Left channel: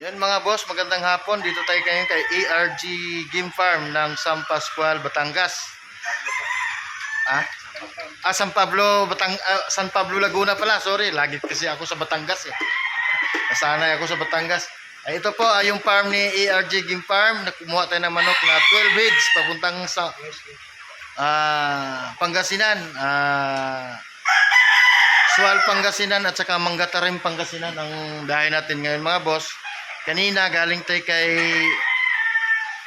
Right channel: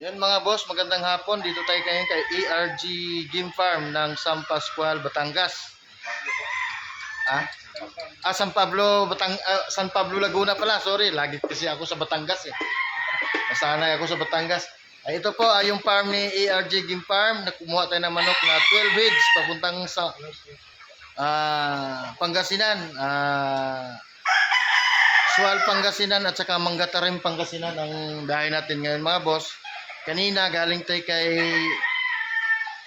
Yan mga boss, magandang hapon. Dito tayo ngayon kay ERG Game Farm ng San Pascual, Batangas. Ah? San Pablo, San Pablo Laguna pala. Sorry, lagi kasi ako sa Batangas eh. Nasanay ako sa Batangas. Ito po ay yung farm ni ERG Game Farm. Kumuha tayo ng manok na 12 heads papuntang sa Pangasinan. Sual Pangasinan at saka Mangatarim Pangasinan ang biyahe natin ngayon mga boss. Kanina galing tayo kay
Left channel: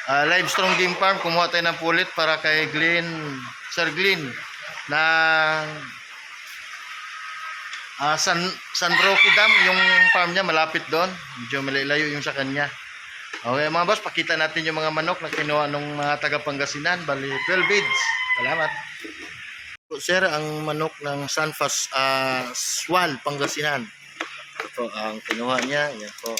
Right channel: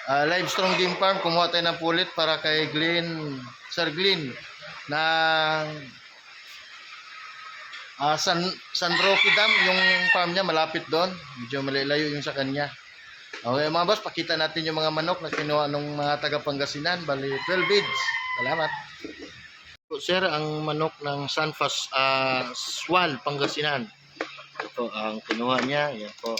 Livestrong Game Farm, kumuha tayo ng pulit para kay Sir Glenn ng San Roque Dam. Yung farm niya malapit doon, medyo malayo yung sa kanya. Okay mga boss, pakita natin yung mga manok na kinuha ng mga taga Pangasinan. Bali 12 bids. Salamat sir. Ang manok ng Sual Pangasinan, ito ang kinuha niya. Yan po.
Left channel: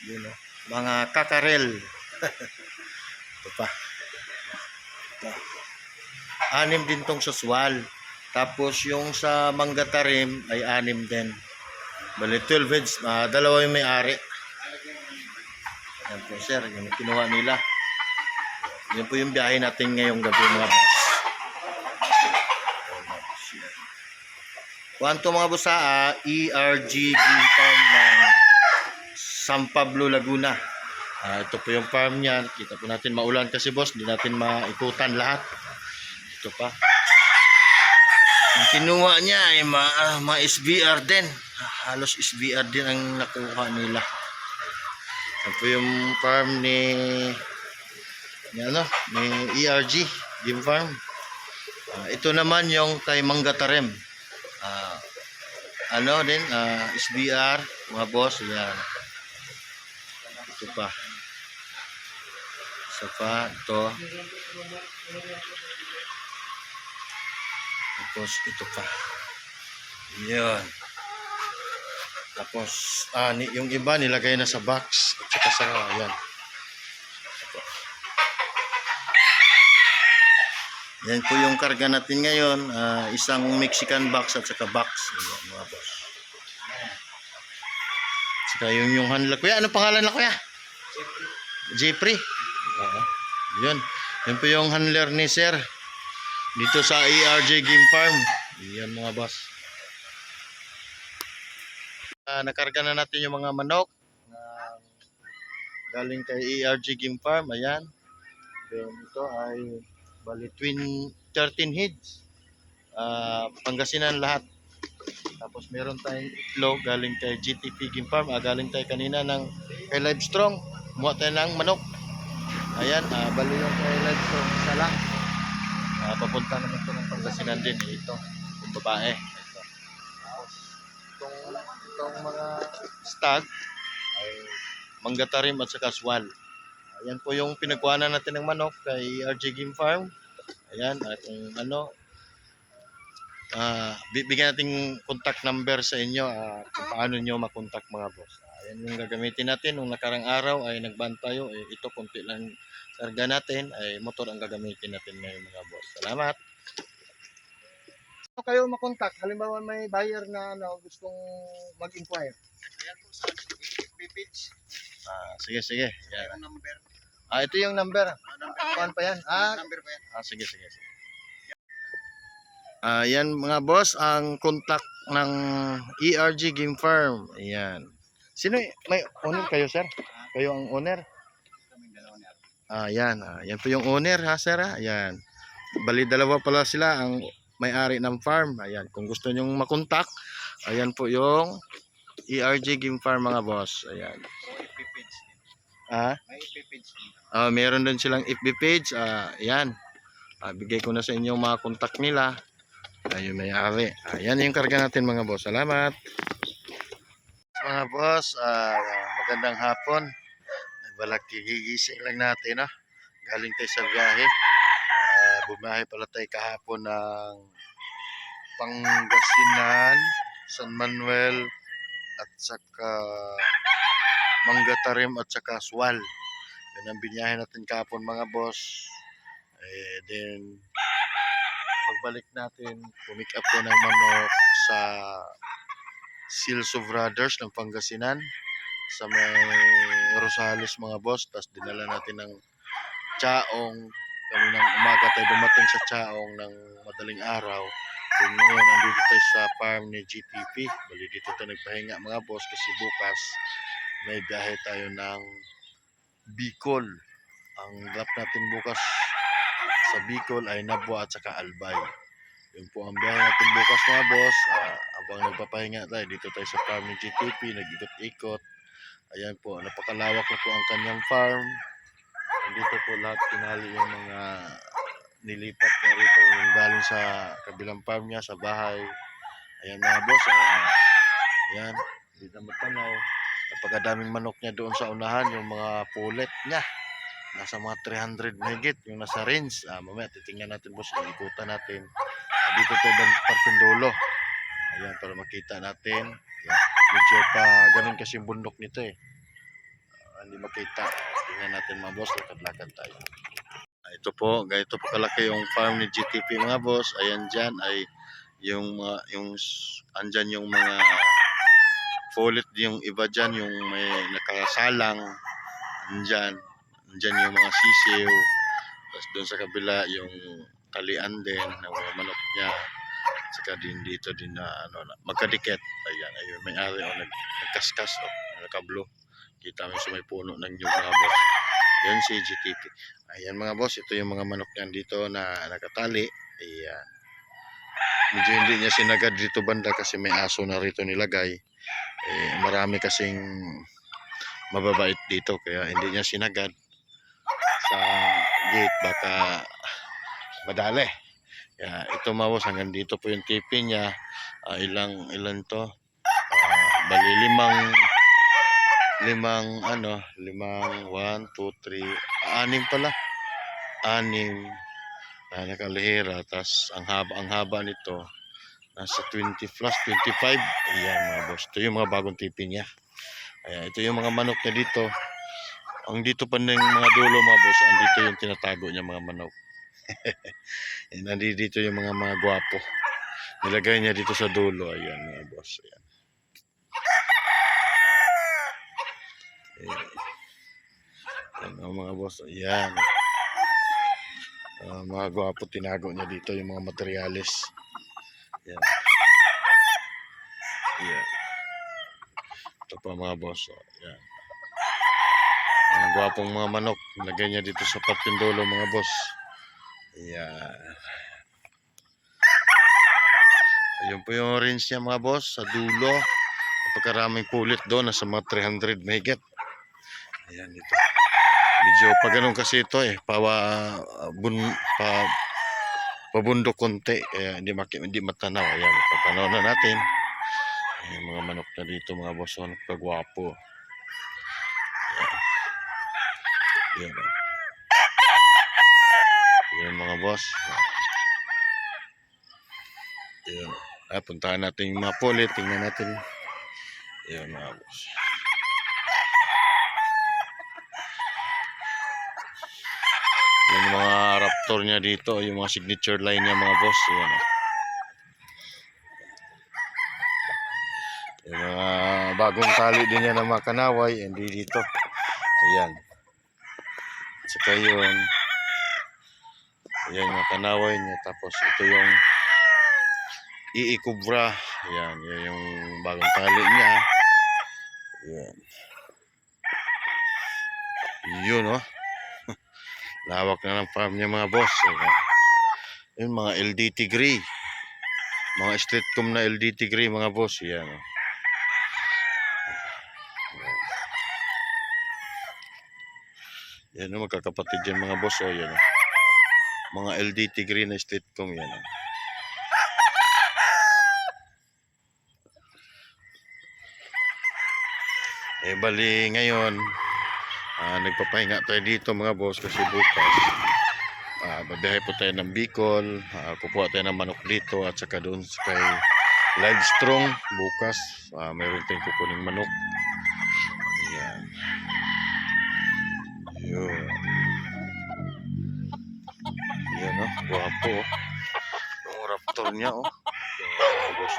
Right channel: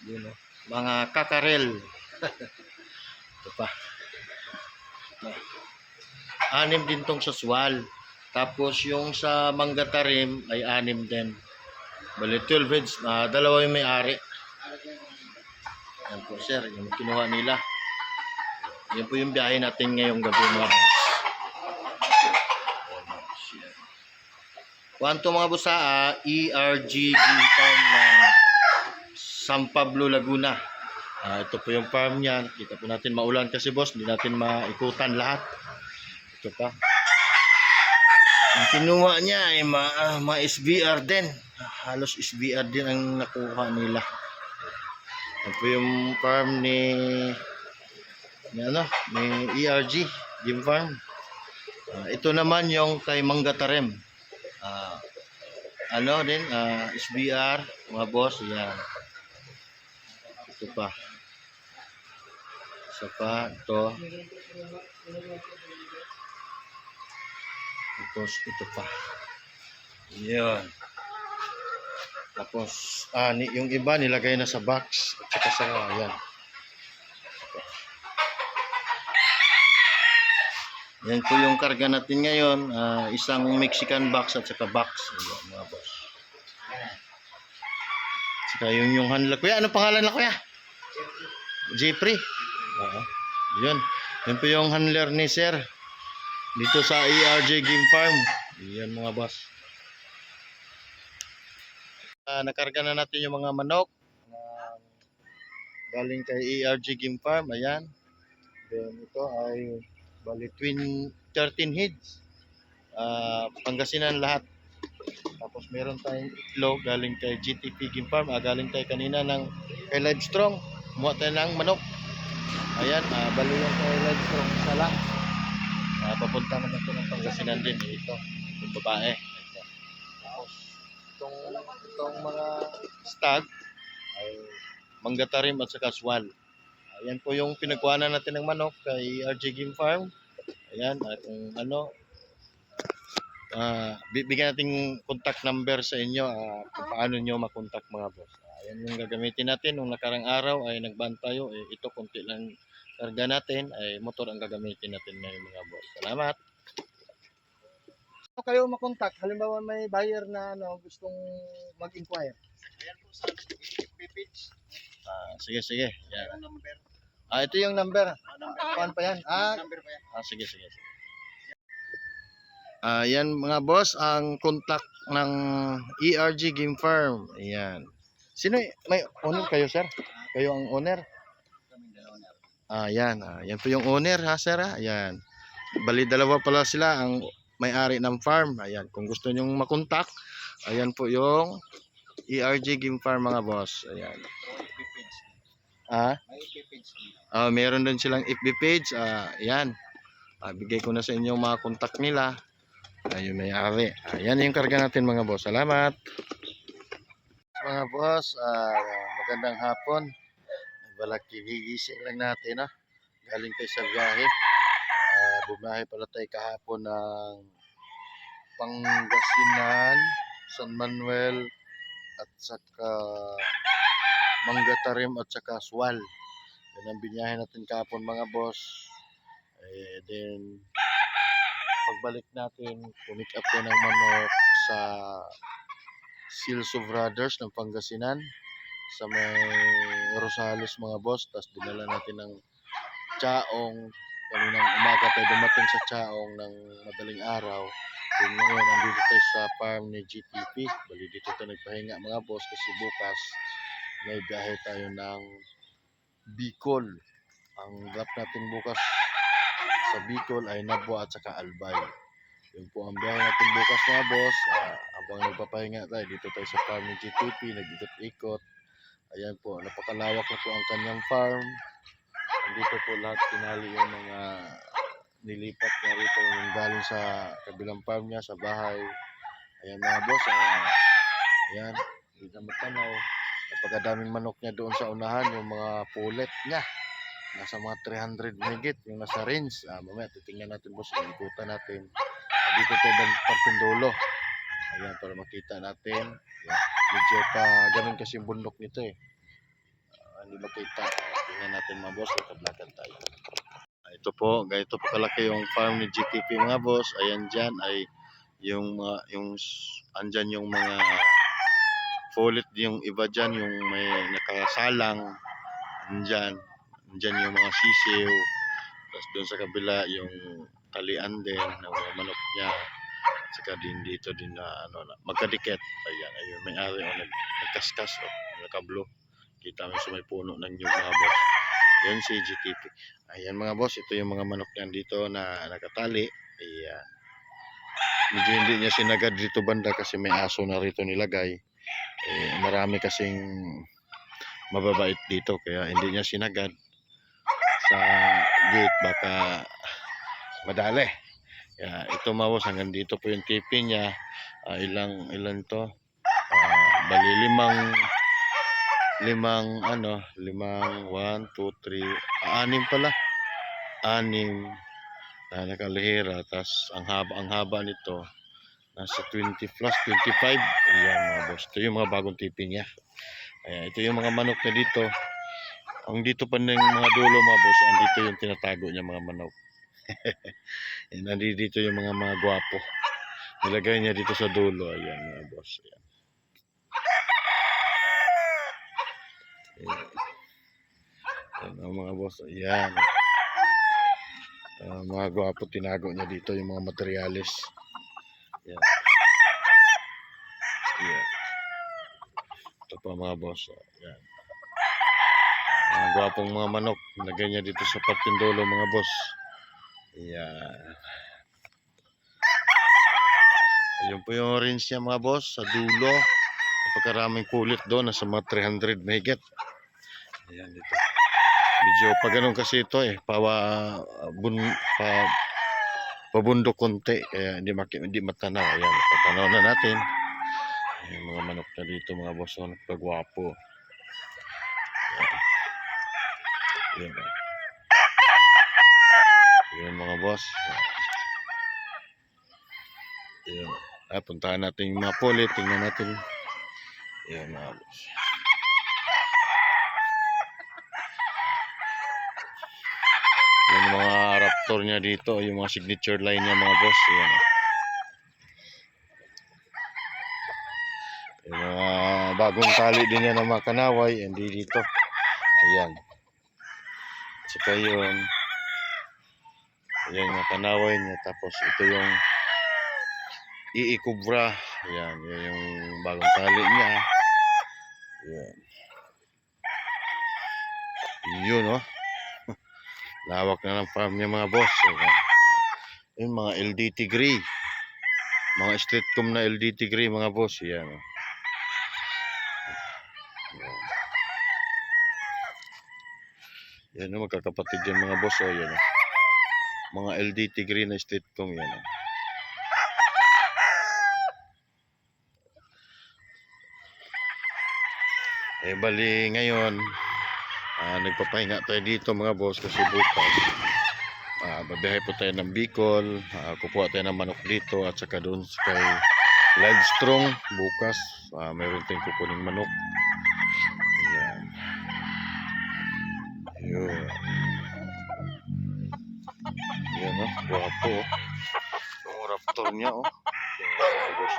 Yun, no? Mga kakarel. Ito pa. Ito. 6 din tong sa Sual. Tapos yung sa Mangatarim ay 6 din. Bali 12 heads. Dalawa yung may-ari. Yan po sir, yung kinuha nila. Yan po yung biyahe natin ngayong gabi mga boss. Kuwanto mga boss sa ERG Game Farm ng San Pablo Laguna. Ito po yung farm niya. Kita po natin maulan kasi boss, hindi natin maikutan lahat. Ito pa. Ang kinuha niya ay mga SBR din. Halos SBR din ang nakuha nila. Ito po yung farm ni ERG Game Farm. Ito naman yung kay Mangatarim. SBR mga boss. Yan. Ito pa. Isa pa. Ito. Tapos ito pa. Yan. Tapos yung iba nilagay na sa box at saka sa yan. Yan po yung karga natin ngayon. Isang Mexican box at saka box. Ayan, mga boss. Saka yung handler. Kuya, ano pangalan na kuya? Jeffrey. Yun. Yan po yung handler ni sir dito sa ERG Game Farm. Yan mga boss. Nakarga na natin yung mga manok galing kay ERG Game Farm. Ayan. Then ito ay bali 13 heads. Pangasinan lahat. Tapos meron tayong itlog galing kay GTP Game Farm. Galing tayo kanina kay Livestrong. Kumuha tayo ng manok. Ayan, bali yung kay Livestrong isa lang. Papunta naman ito ng Pangasinan din. Ito, yung babae. Ito. Tapos itong mga stag ay Mangatarim at saka Sual. Ayan po yung pinagkuhanan natin ng manok kay RJ Game Farm. Ayan, at kung bibigyan natin contact number sa inyo kung paano nyo makontak mga boss. Ayan yung gagamitin natin. Nung nakarang araw ay nagban tayo. Ito konti lang karga natin. Ay motor ang gagamitin natin ngayon mga boss. Salamat. So, kayo makontak. Halimbawa may buyer na gustong mag-inquire. Ayan po sa FB page. Sige. Ayan. Yung number. Ito yung number. Kuan pa yan? Number pa yan. Sige. Yan mga boss, ang contact ng ERG Game Farm. Ayan. Sino may owner kayo, sir? Kayo ang owner? Yan. Yan po yung owner ha, sir. Ayan. Bali dalawa pala sila ang may-ari ng farm. Ayan. Kung gusto nyong makontak, ayan po yung ERG Game Farm mga boss. Ayan. May FB page. Meron din silang FB page. Ayan. Bigay ko na sa inyo mga contact nila. Ayun, may-ari. Ayan yung karga natin mga boss. Salamat. Mga boss, magandang hapon. Balaki gigising lang natin. Galing tayo sa biyahe. Bumiyahe pala tayo kahapon ng Pangasinan, San Manuel, at saka Mangatarim at saka Sual. Yan ang biniyahe natin kahapon mga boss. Then pagbalik natin, pumick up ko ng manok sa Silso Brothers ng Pangasinan sa may Rosales mga boss. Tapos dinala natin ng Chaong. Kami ng umaga tayo dumating sa Chaong ng madaling araw. Then ngayon, andito tayo sa farm ni GTP. Bali dito tayo nagpahinga mga boss kasi bukas may biyahe tayo ng Bicol. Ang drop natin bukas sa Bicol ay Nabwa at saka Albay. Yun po ang biyahe natin bukas mga boss. Habang nagpapahinga tayo, dito tayo sa farm ni GTP, nag-ikot-ikot. Ayan po, napakalawak na po ang kanyang farm. Andito po lahat pinali yung mga nilipat na rito yung galing sa kabilang farm niya, sa bahay. Ayan mga boss, ayan, hindi na matanaw. Napakadaming manok niya doon sa unahan, yung mga pulet niya. Nasa mga 300 megit, yung nasa range. Mamaya titingnan natin boss, ikutan natin. Dito tayo parting dulo. Ayan, para makita natin. Ayan. Medyo pa ganun kasi yung bundok nito eh. Hindi makita. Tingnan natin mga boss, lakad-lakad tayo. Ito po, ganito po kalaki yung farm ni GTP mga boss. Ayan dyan ay yung andyan yung mga fulit, yung iba dyan, yung may nakasalang. Andyan yung mga sisiw. Tapos doon sa kabila yung talian din ng mga manok niya. At saka din dito din na magkadikit. Ayan, ayun, may ari nagkaskas nakablo. Kita mo sa may puno ng nyug mga boss. Yan si GTP. Ayan mga boss, ito yung mga manok niyan dito na nakatali. Ayan. Medyo hindi niya sinagad dito banda kasi may aso na rito nilagay. Marami kasing mababait dito kaya hindi niya sinagad sa gate, baka madali. Ito mga boss, hanggang dito po yung tipi niya. Ilan to? Bali limang 1, 2, 3, 6 pala. 6 na nakalihira. Tas ang haba nito nasa 20 plus 25. Ayan mga boss, ito yung mga bagong tipi niya. Ayan, ito yung mga manok niya dito. Ang dito pa ng mga dulo mga boss, andito yung tinatago niya mga manok. Nandito yung mga gwapo. Nilagay niya dito sa dulo. Ayan mga boss. Ayan. Ayan mga boss. Ayan. Mga gwapo, tinago niya dito yung mga materyales. Ayan. Ayan. Ito pa mga boss. Ayan. Mga gwapong mga manok. Nilagay niya dito sa parting dulo mga boss. Ayan. Ayun po yung range niya mga boss sa dulo. Napakaraming pulit doon, nasa mga 300 mahigit. Ayan dito. Medyo pa ganun kasi ito pabundok konti kaya hindi matanaw. Ayan, patanaw na natin. Ayan, mga manok na dito mga boss, napakagwapo. Ayan. Ayan. Ayan mga boss. Ayan. Puntahan natin yung mga pulit, tingnan natin. Ayan mga boss. Yung mga raptor niya dito, yung mga signature line niya mga boss. Ayan. Yung mga bagong tali din niya ng mga kanaway, hindi dito. Ayan. Saka yun. Ayan yung mga kanaway niya. Tapos ito yung iikubra. Ayan. Yan yung bagong tali niya. Ayan. Yun lawak na ng farm niya mga boss. Ayan. Yun mga LDT Gray. Mga streetcom na LDT Gray mga boss. Ayan. Yan magkakapatid yan mga boss. Yan mga LDT Green na streetcom yan. Bali ngayon nagpapahinga tayo dito mga boss kasi bukas babiyahe po tayo ng Bicol. Kukuha tayo ng manok dito at saka doon kay Livestrong bukas mayroon tayong kukuning manok. Ayan. Yun. Yan guwapo yung raptor niya boss.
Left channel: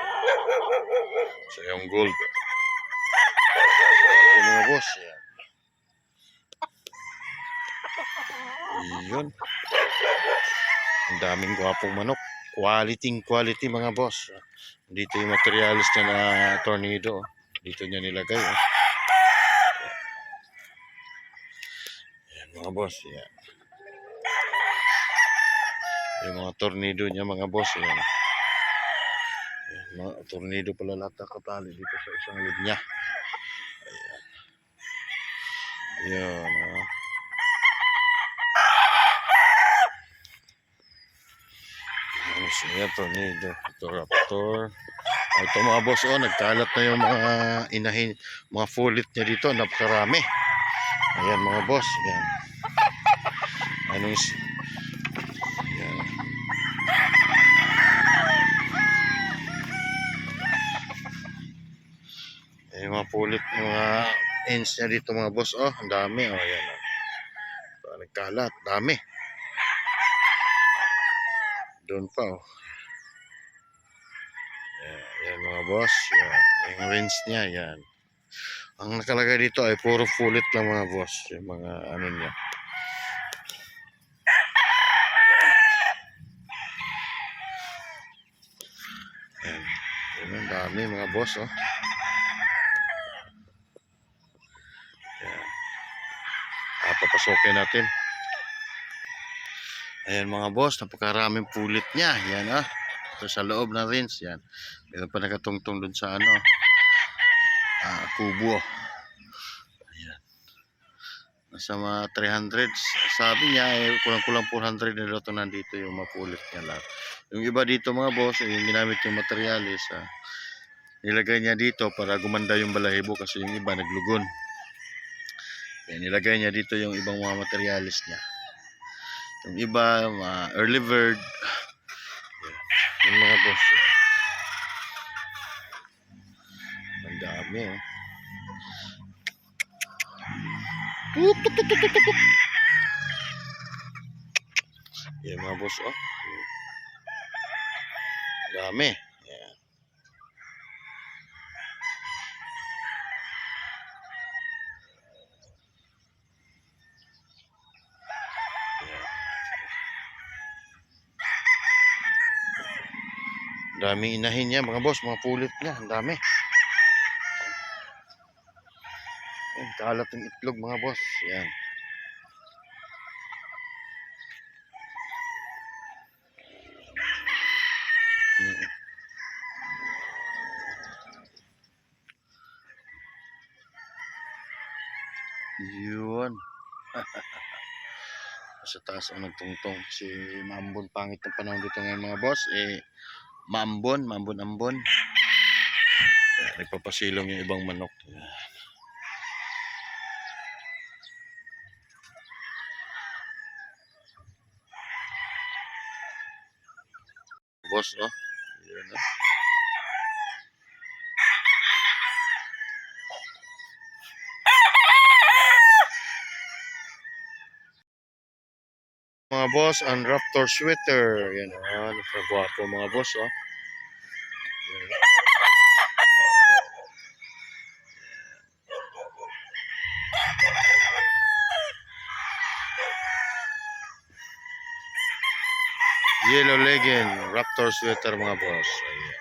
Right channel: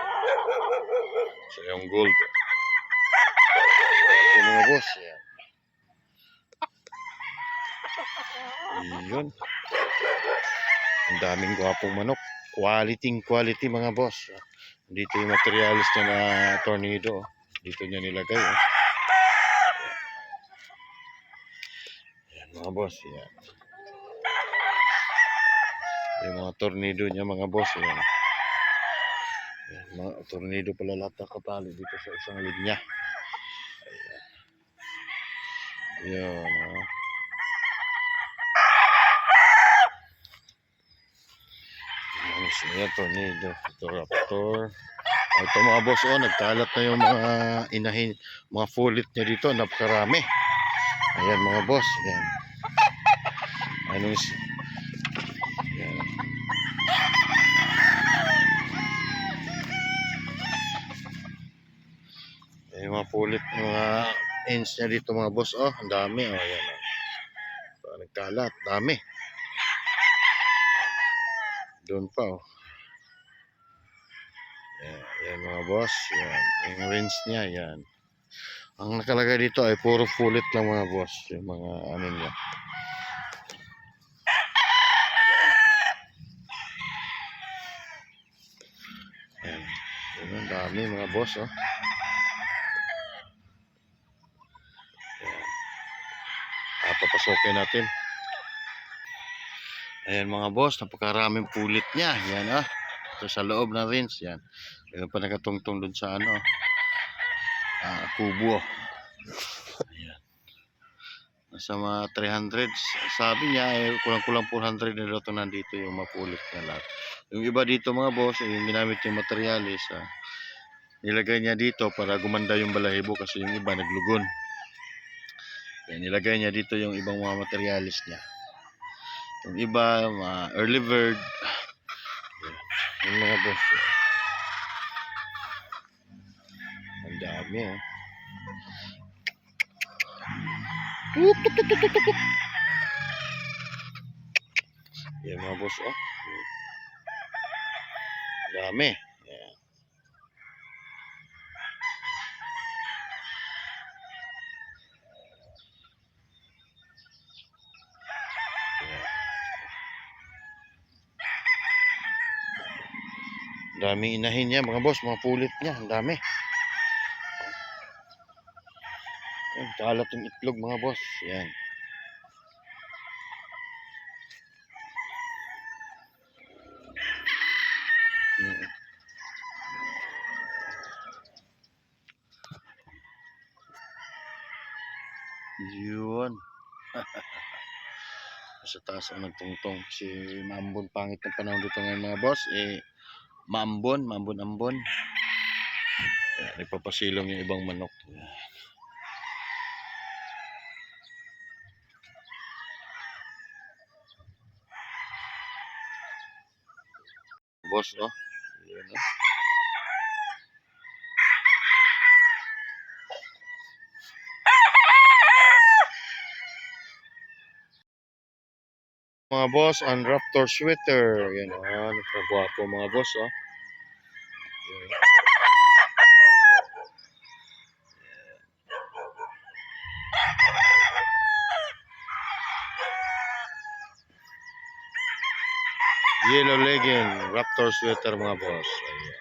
So yung gold. Ito mga boss. Yan. Yun. Ang daming gwapong manok. Quality mga boss. Dito yung materialis niya na tornado. Dito niya nilagay. Yan mga boss. Yan. Yung mga tornado niya mga boss. Yan. Yan, mga tornado pala lahat nakatali dito sa isang linya. Ayan. Yan. Ayan, tornado. Ito raptor. Ito mga boss, nagkalat na yung mga inahin, mga fulit niya dito, napakarami. Ayan mga boss, ayan. Ayan. Ayan yung mga fulit, mga ends niya dito mga boss, ang dami, ayan. Nagkalat, dami. Doon pa, Ayan mga boss, yan. Yung range niya, yan. Ang nakalagay dito ay puro fulit lang mga boss. Yung mga ano niya. Ayan. Yan ang dami mga boss, Ayan. Papasokin natin. Ayan mga boss, napakaraming pulit niya. Yan Ito sa loob ng range, yan. Meron pa nakatungtong dun sa kubo. Ayan. Nasa mga 300. Sabi niya kulang-kulang 400 na daw nandito yung mapulit niya lahat. Yung iba dito mga boss, yung ginamit yung materialis, nilagay niya dito para gumanda yung balahibo kasi yung iba naglugon. Yan, nilagay niya dito yung ibang mga materialis niya. Yung iba, early bird. Yung mga boss. Ang dami, Yan mga boss, dami. Yan. Daming inahin niya mga boss, mga pulot niya, ang dami. Ayan, kalat yung itlog mga boss. Yan. Yun. Sa taas ang nagtungtong kasi maambon, pangit ng panahon dito ngayon mga boss, maambon. Nagpapasilong yung ibang manok. Boss, yun, mga boss, ang raptor sweater. Yan, napakagwapo mga boss, Yan. Yellow legend, raptor sweater mga boss. Ayan.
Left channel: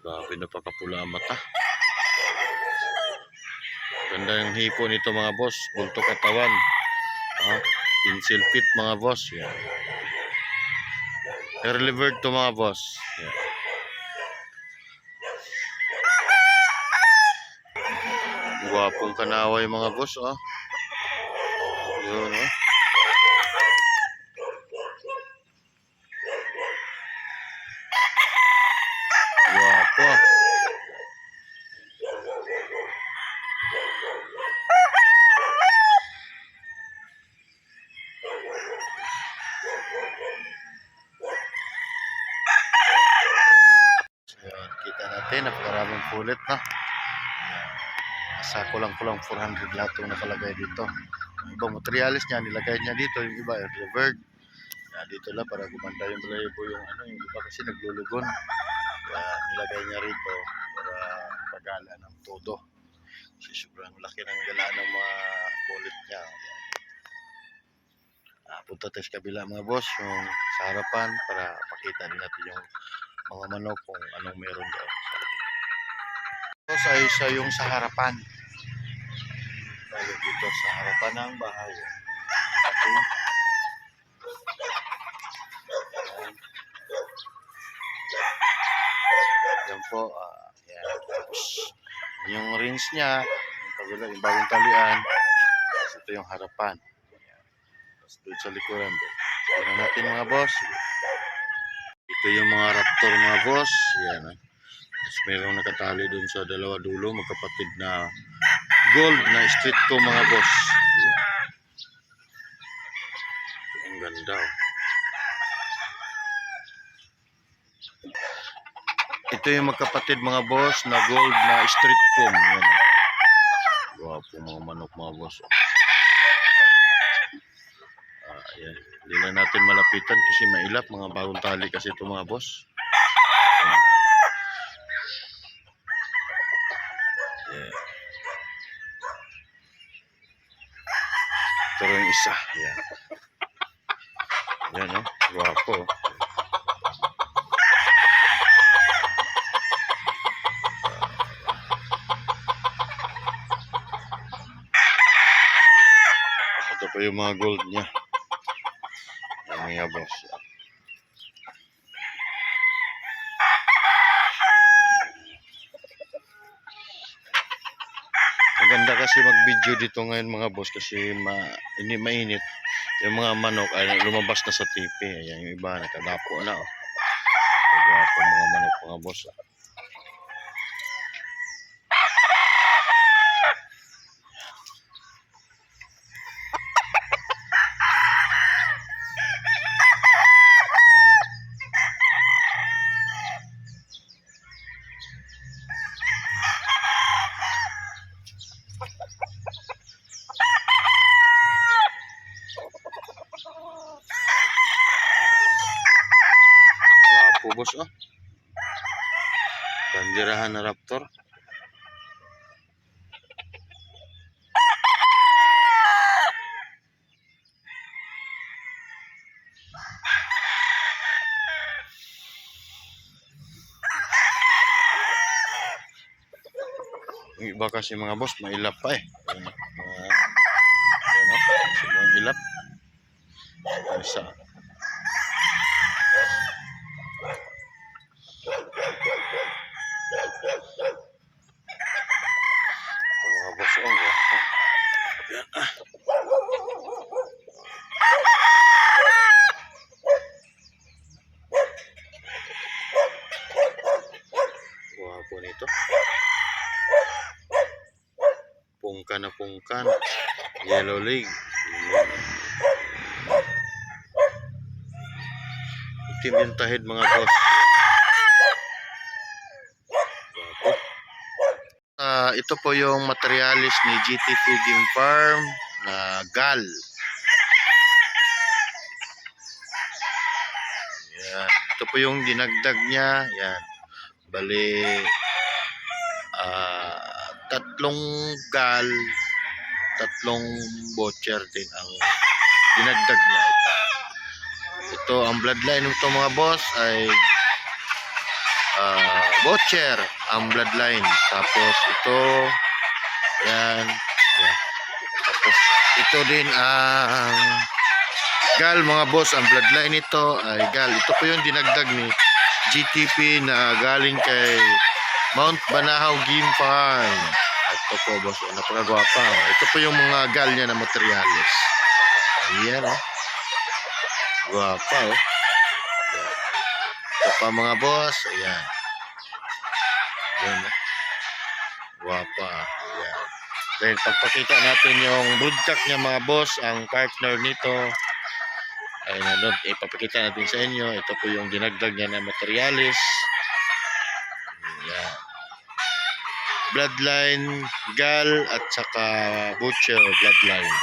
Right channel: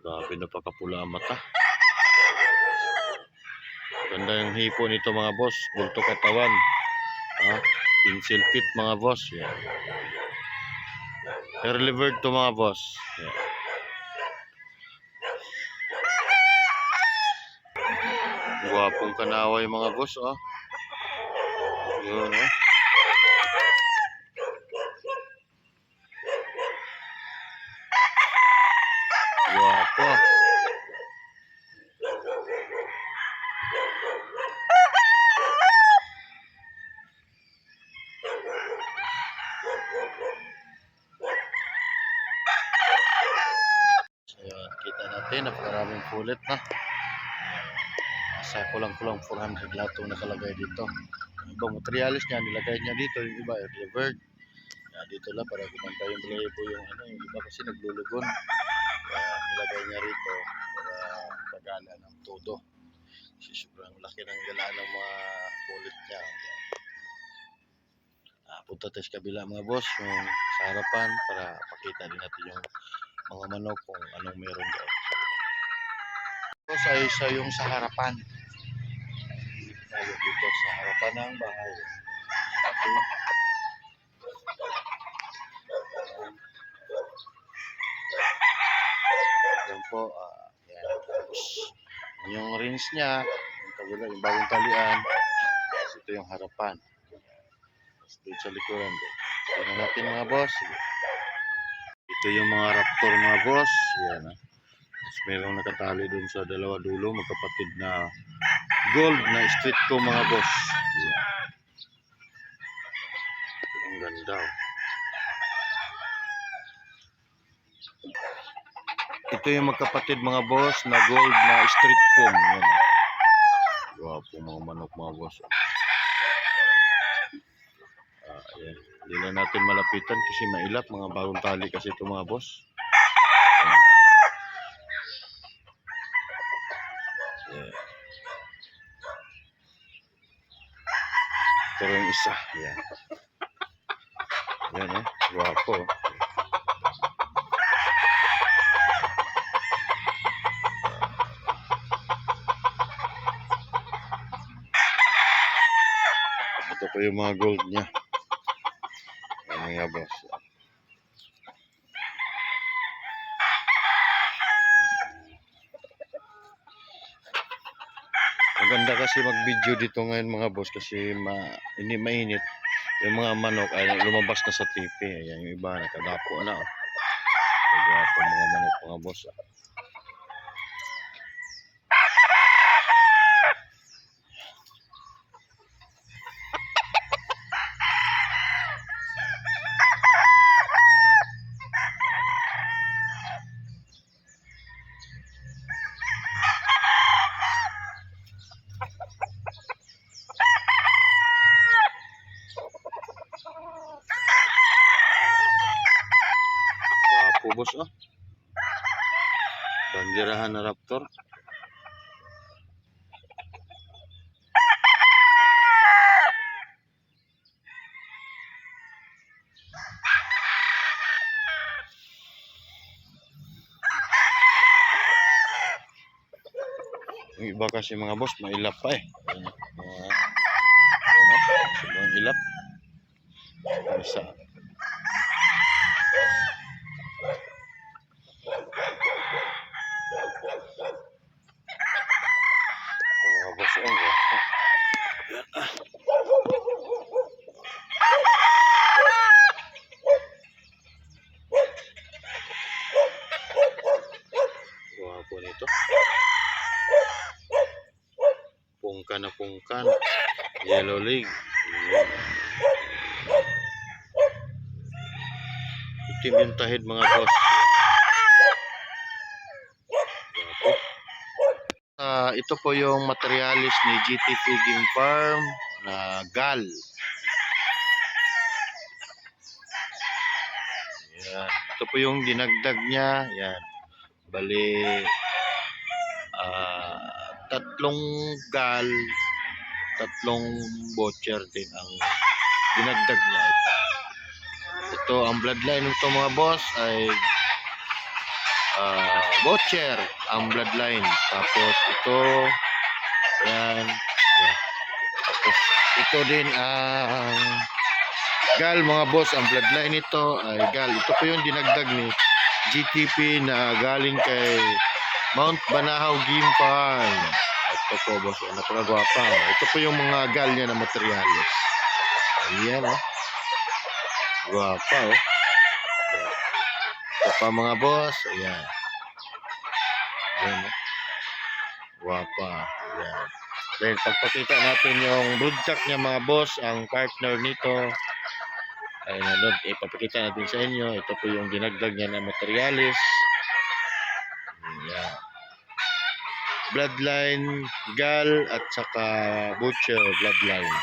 Grabe, napakapula ang mata. Ganda yung hipo nito mga boss. Bulto katawan. Pencil fit mga boss. Yan. Early bird to mga boss. Yan. Guwapong kanaway mga boss. Yun, guwapo. Ayan, kita natin, napakaraming pulit, sa kulang-kulang 400 lahat itong nakalagay dito. Ibang materialis niya, nilagay niya dito, yung iba early bird. Dito lang para gumanda yung balahibo, yung yung iba kasi naglulugon. Kaya nilagay niya rito para pagala ng todo. Kasi sobrang laki ng galaan ng mga kulit niya. Punta tayo sa kabila mga boss, yung sa harapan para pakita din natin yung mga manok kung anong meron doon. Ito sa isa yung sa harapan. Tayo dito sa harapan ng bahay. Okay. Yan po, yan. Tapos, yung rings niya, yung kabila, yung bagong talian. Tapos ito yung harapan. Tapos doon sa likuran. Tingnan natin mga boss. Ito yung mga raptor mga boss. Yan. Tapos mayroong nakatali doon sa dalawa dulo, magkapatid na gold na street ko mga boss. Yan. Ang ganda. Ito yung magkapatid mga boss na gold na street comb. Yan. Gwapo mga manok mga boss. Ayan. Hindi na natin malapitan kasi mailap. Mga bagong tali kasi ito mga boss. Ayan. Ito yung isa. Ayan. Ayan gwapo. Ito pa yung mga gold niya. Mga boss. Maganda kasi mag-video dito ngayon mga boss kasi hindi mainit. Yung mga manok ay lumabas na sa TV. Ayan yung iba nakadapo na. Gwapo mga manok mga boss. Boss bandirahan na raptor. Yung iba kasi mga boss mailap pa sobrang ilap. Isa. Mga boss gwapo nito. Pungkan na pungkan. Yellow leg. Itim yung tahid mga boss. Ito po yung materialis ni GTP Game Farm na gal. Yan. Ito po yung dinagdag niya. Yan. Bali, tatlong gal, tatlong butcher din ang dinagdag niya. Ito ang bloodline nito mga boss ay butcher ang bloodline. Tapos ito yan. Tapos ito din ang gal mga boss. Ang bloodline nito ay gal. Ito po yung dinagdag ni GTP na galing kay Mount Banahaw Game Farm. Ito po boss, napakagwapa. Ito po yung mga gal niya na materialis. Ayan gwapa ito pa mga boss. Ayan. Ayan gwapa. Ayan. Then pagpakita natin yung broodcock niya mga boss, ang partner nito ay nanood, ipapakita natin sa inyo. Ito po yung dinagdag niya na materialis. Ayan. bloodline Gal at saka Butcher bloodline.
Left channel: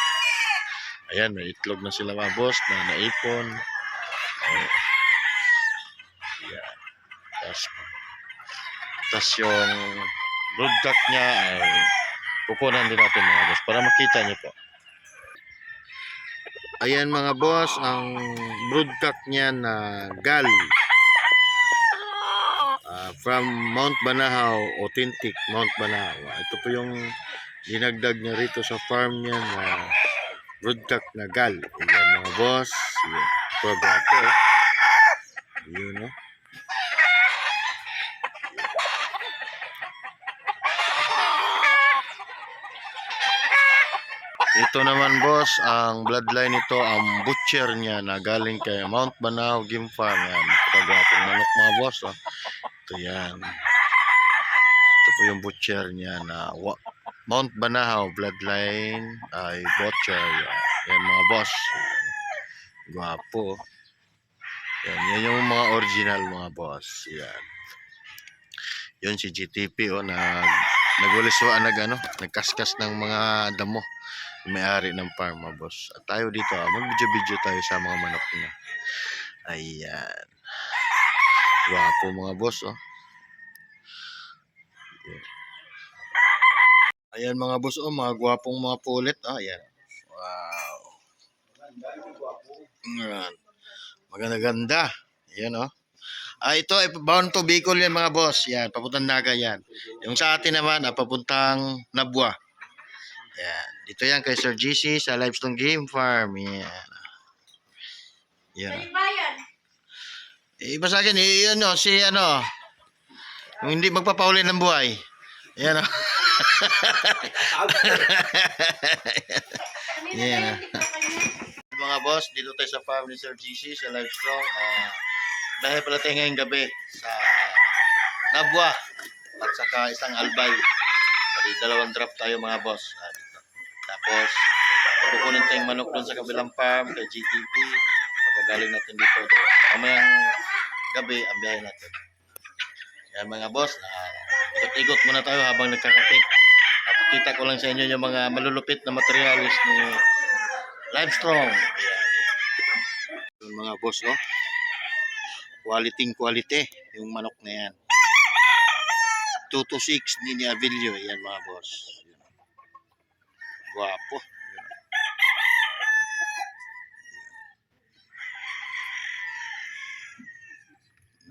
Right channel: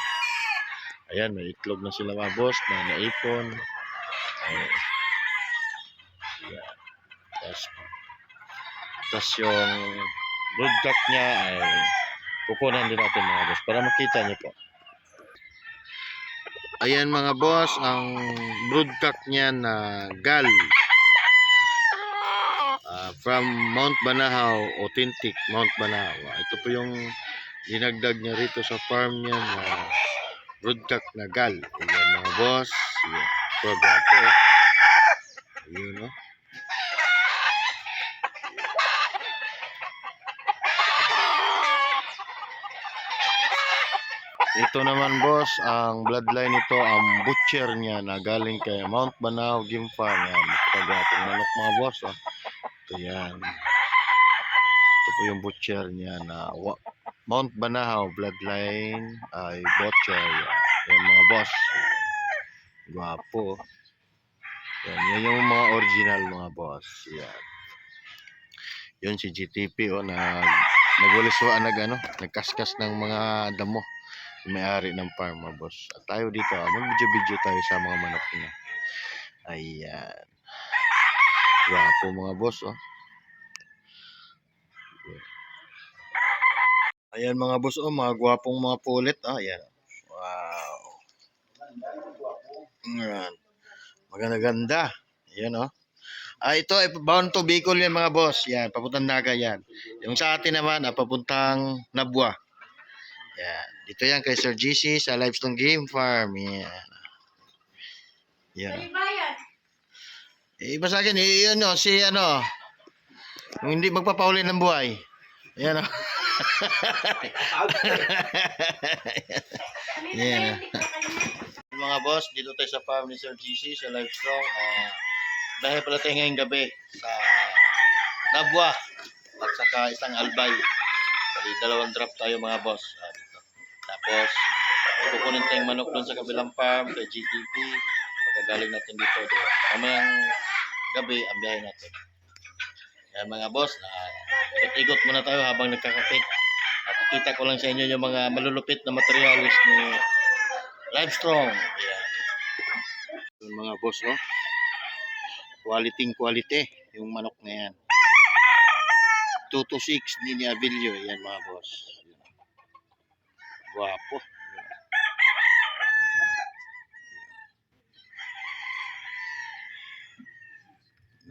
Ayan, may itlog na sila mga boss na naipon. Ayan. Tas yung broodcock niya ay kukunan din natin mga boss para makita niyo po. Ayan mga boss, ang broodcock niya na Gal. From Mount Banahaw, authentic Mount Banahaw. Ito po yung dinagdag niya rito sa farm niya na broodcock na Gal. Ayan mga boss. Ayan. Program po. Yun no. Ito naman boss, ang bloodline nito, ang butcher niya na galing kay Mount Banahaw Game Farm. Yan, napakagwapong manok mga boss. Oh. Ito yan. Ito po yung butcher niya na Mount Banahaw bloodline ay butcher. Yan, yan mga boss. Gwapo. Yan, yan yung mga original mga boss. Yan. Yun si GTP o nagwaliswaan nagkaskas ng mga damo. May-ari ng farm mga boss. At tayo dito, mag-video tayo sa mga manok niya. Ayan. Gwapo mga boss, oh. Ayan mga boss, oh, mga gwapong mga pulit. Ayan. Wow. Ayan. Maganda-ganda. Ayan, oh. Ito ay bound to Bicol yan mga boss. Yan, papuntang Naga yan. Yung sa atin naman, papuntang Nabwa. Yan. Dito yan kay Sir GC sa Limestone Game Farm. Yan. Yan. Iba sa akin, yung hindi magpapauli ng buhay. Yan o. Yan. Mga boss, dito tayo sa farm ni Sir GC sa Livestrong. Dahil pala tayo ngayong gabi sa Nabwa at saka isang Albay. Bali, 2 drop tayo mga boss. Tapos, kukunin tayong manok doon sa kabilang farm kay GTP. Magagaling natin dito. Mamayang gabi ang biyahe natin. Yan mga boss, ikot-ikot muna tayo habang nagkakape. Napakita ko lang sa inyo yung mga malulupit na materialis ni Livestrong. Yan. Yung mga boss, oh. Quality yung manok na yan. 2 to 6 ni Avilio. Yan mga boss. Guwapo.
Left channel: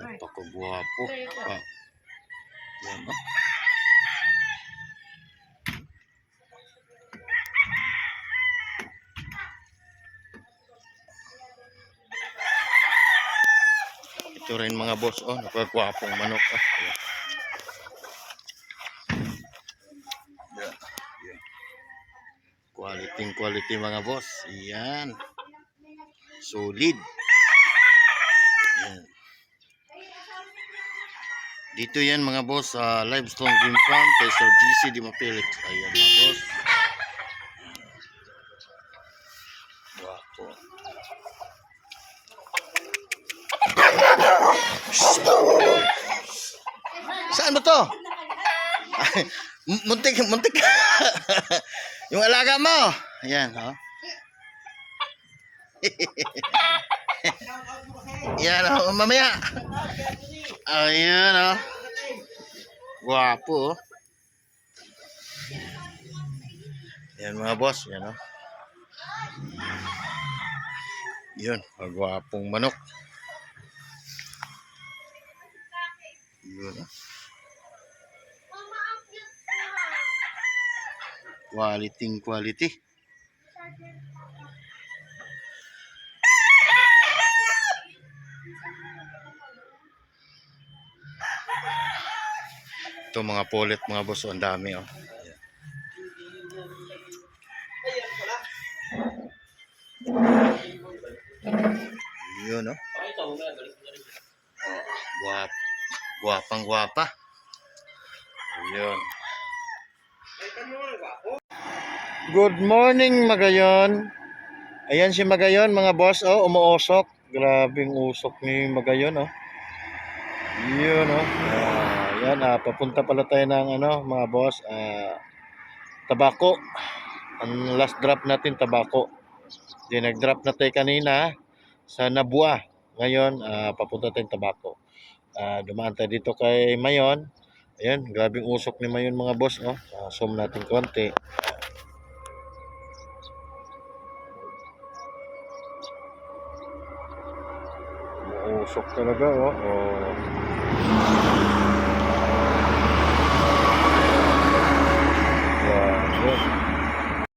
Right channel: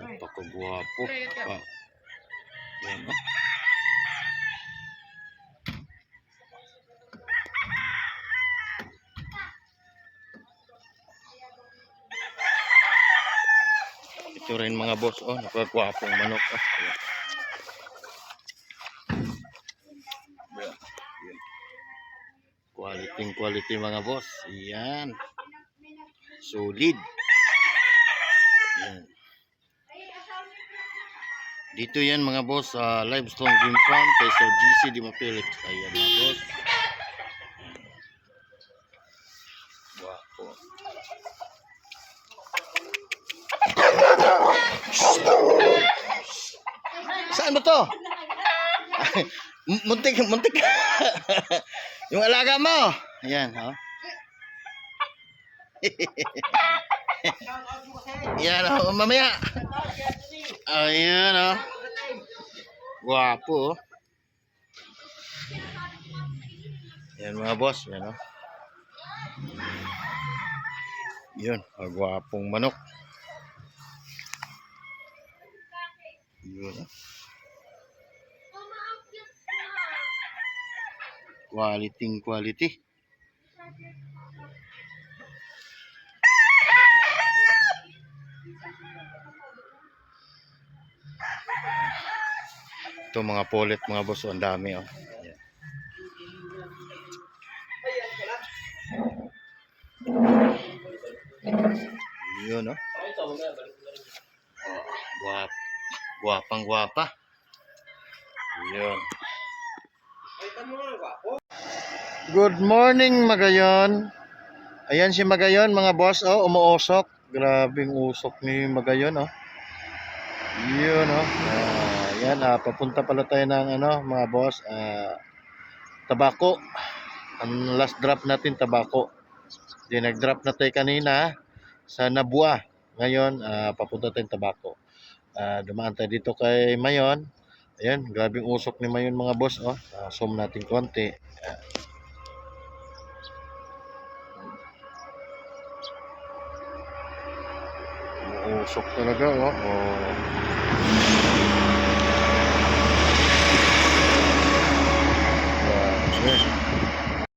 Napakagwapo. Yan o. Ito rin mga boss. Oh, napakagwapong manok. Oh. Yan. Quality mga boss. Yan. Solid. Yan. Dito yan mga boss sa Limestone Game Farm kay Sir GC Di Mapilit. Ayan mga boss. Wapo. Saan ba to? Muntik. Yung alaga mo. Ayan, oh. Yan, oh, mamaya. Ayan, oh. Guwapo, oh. Yan mga boss, yan, oh. Yun, guwapong manok. Yun, oh. Quality. Ito mga pulit mga boss, ang dami oh. Ayan. Yun oh. Guwapa. Yun. Good morning Magayon. Ayan si Magayon mga boss oh, umuusok. Grabing usok ni Magayon oh. Yun oh. Ayan, papunta pala tayo ng ano, mga boss, Tabako. Ang last drop natin, Tabako. Then nag-drop na tayo kanina sa Nabua. Ngayon, papunta tayong Tabako. Dumaan tayo dito kay Mayon. Ayan, grabing usok ni Mayon mga boss. Oh. Zoom natin konti. Usok talaga. Oh.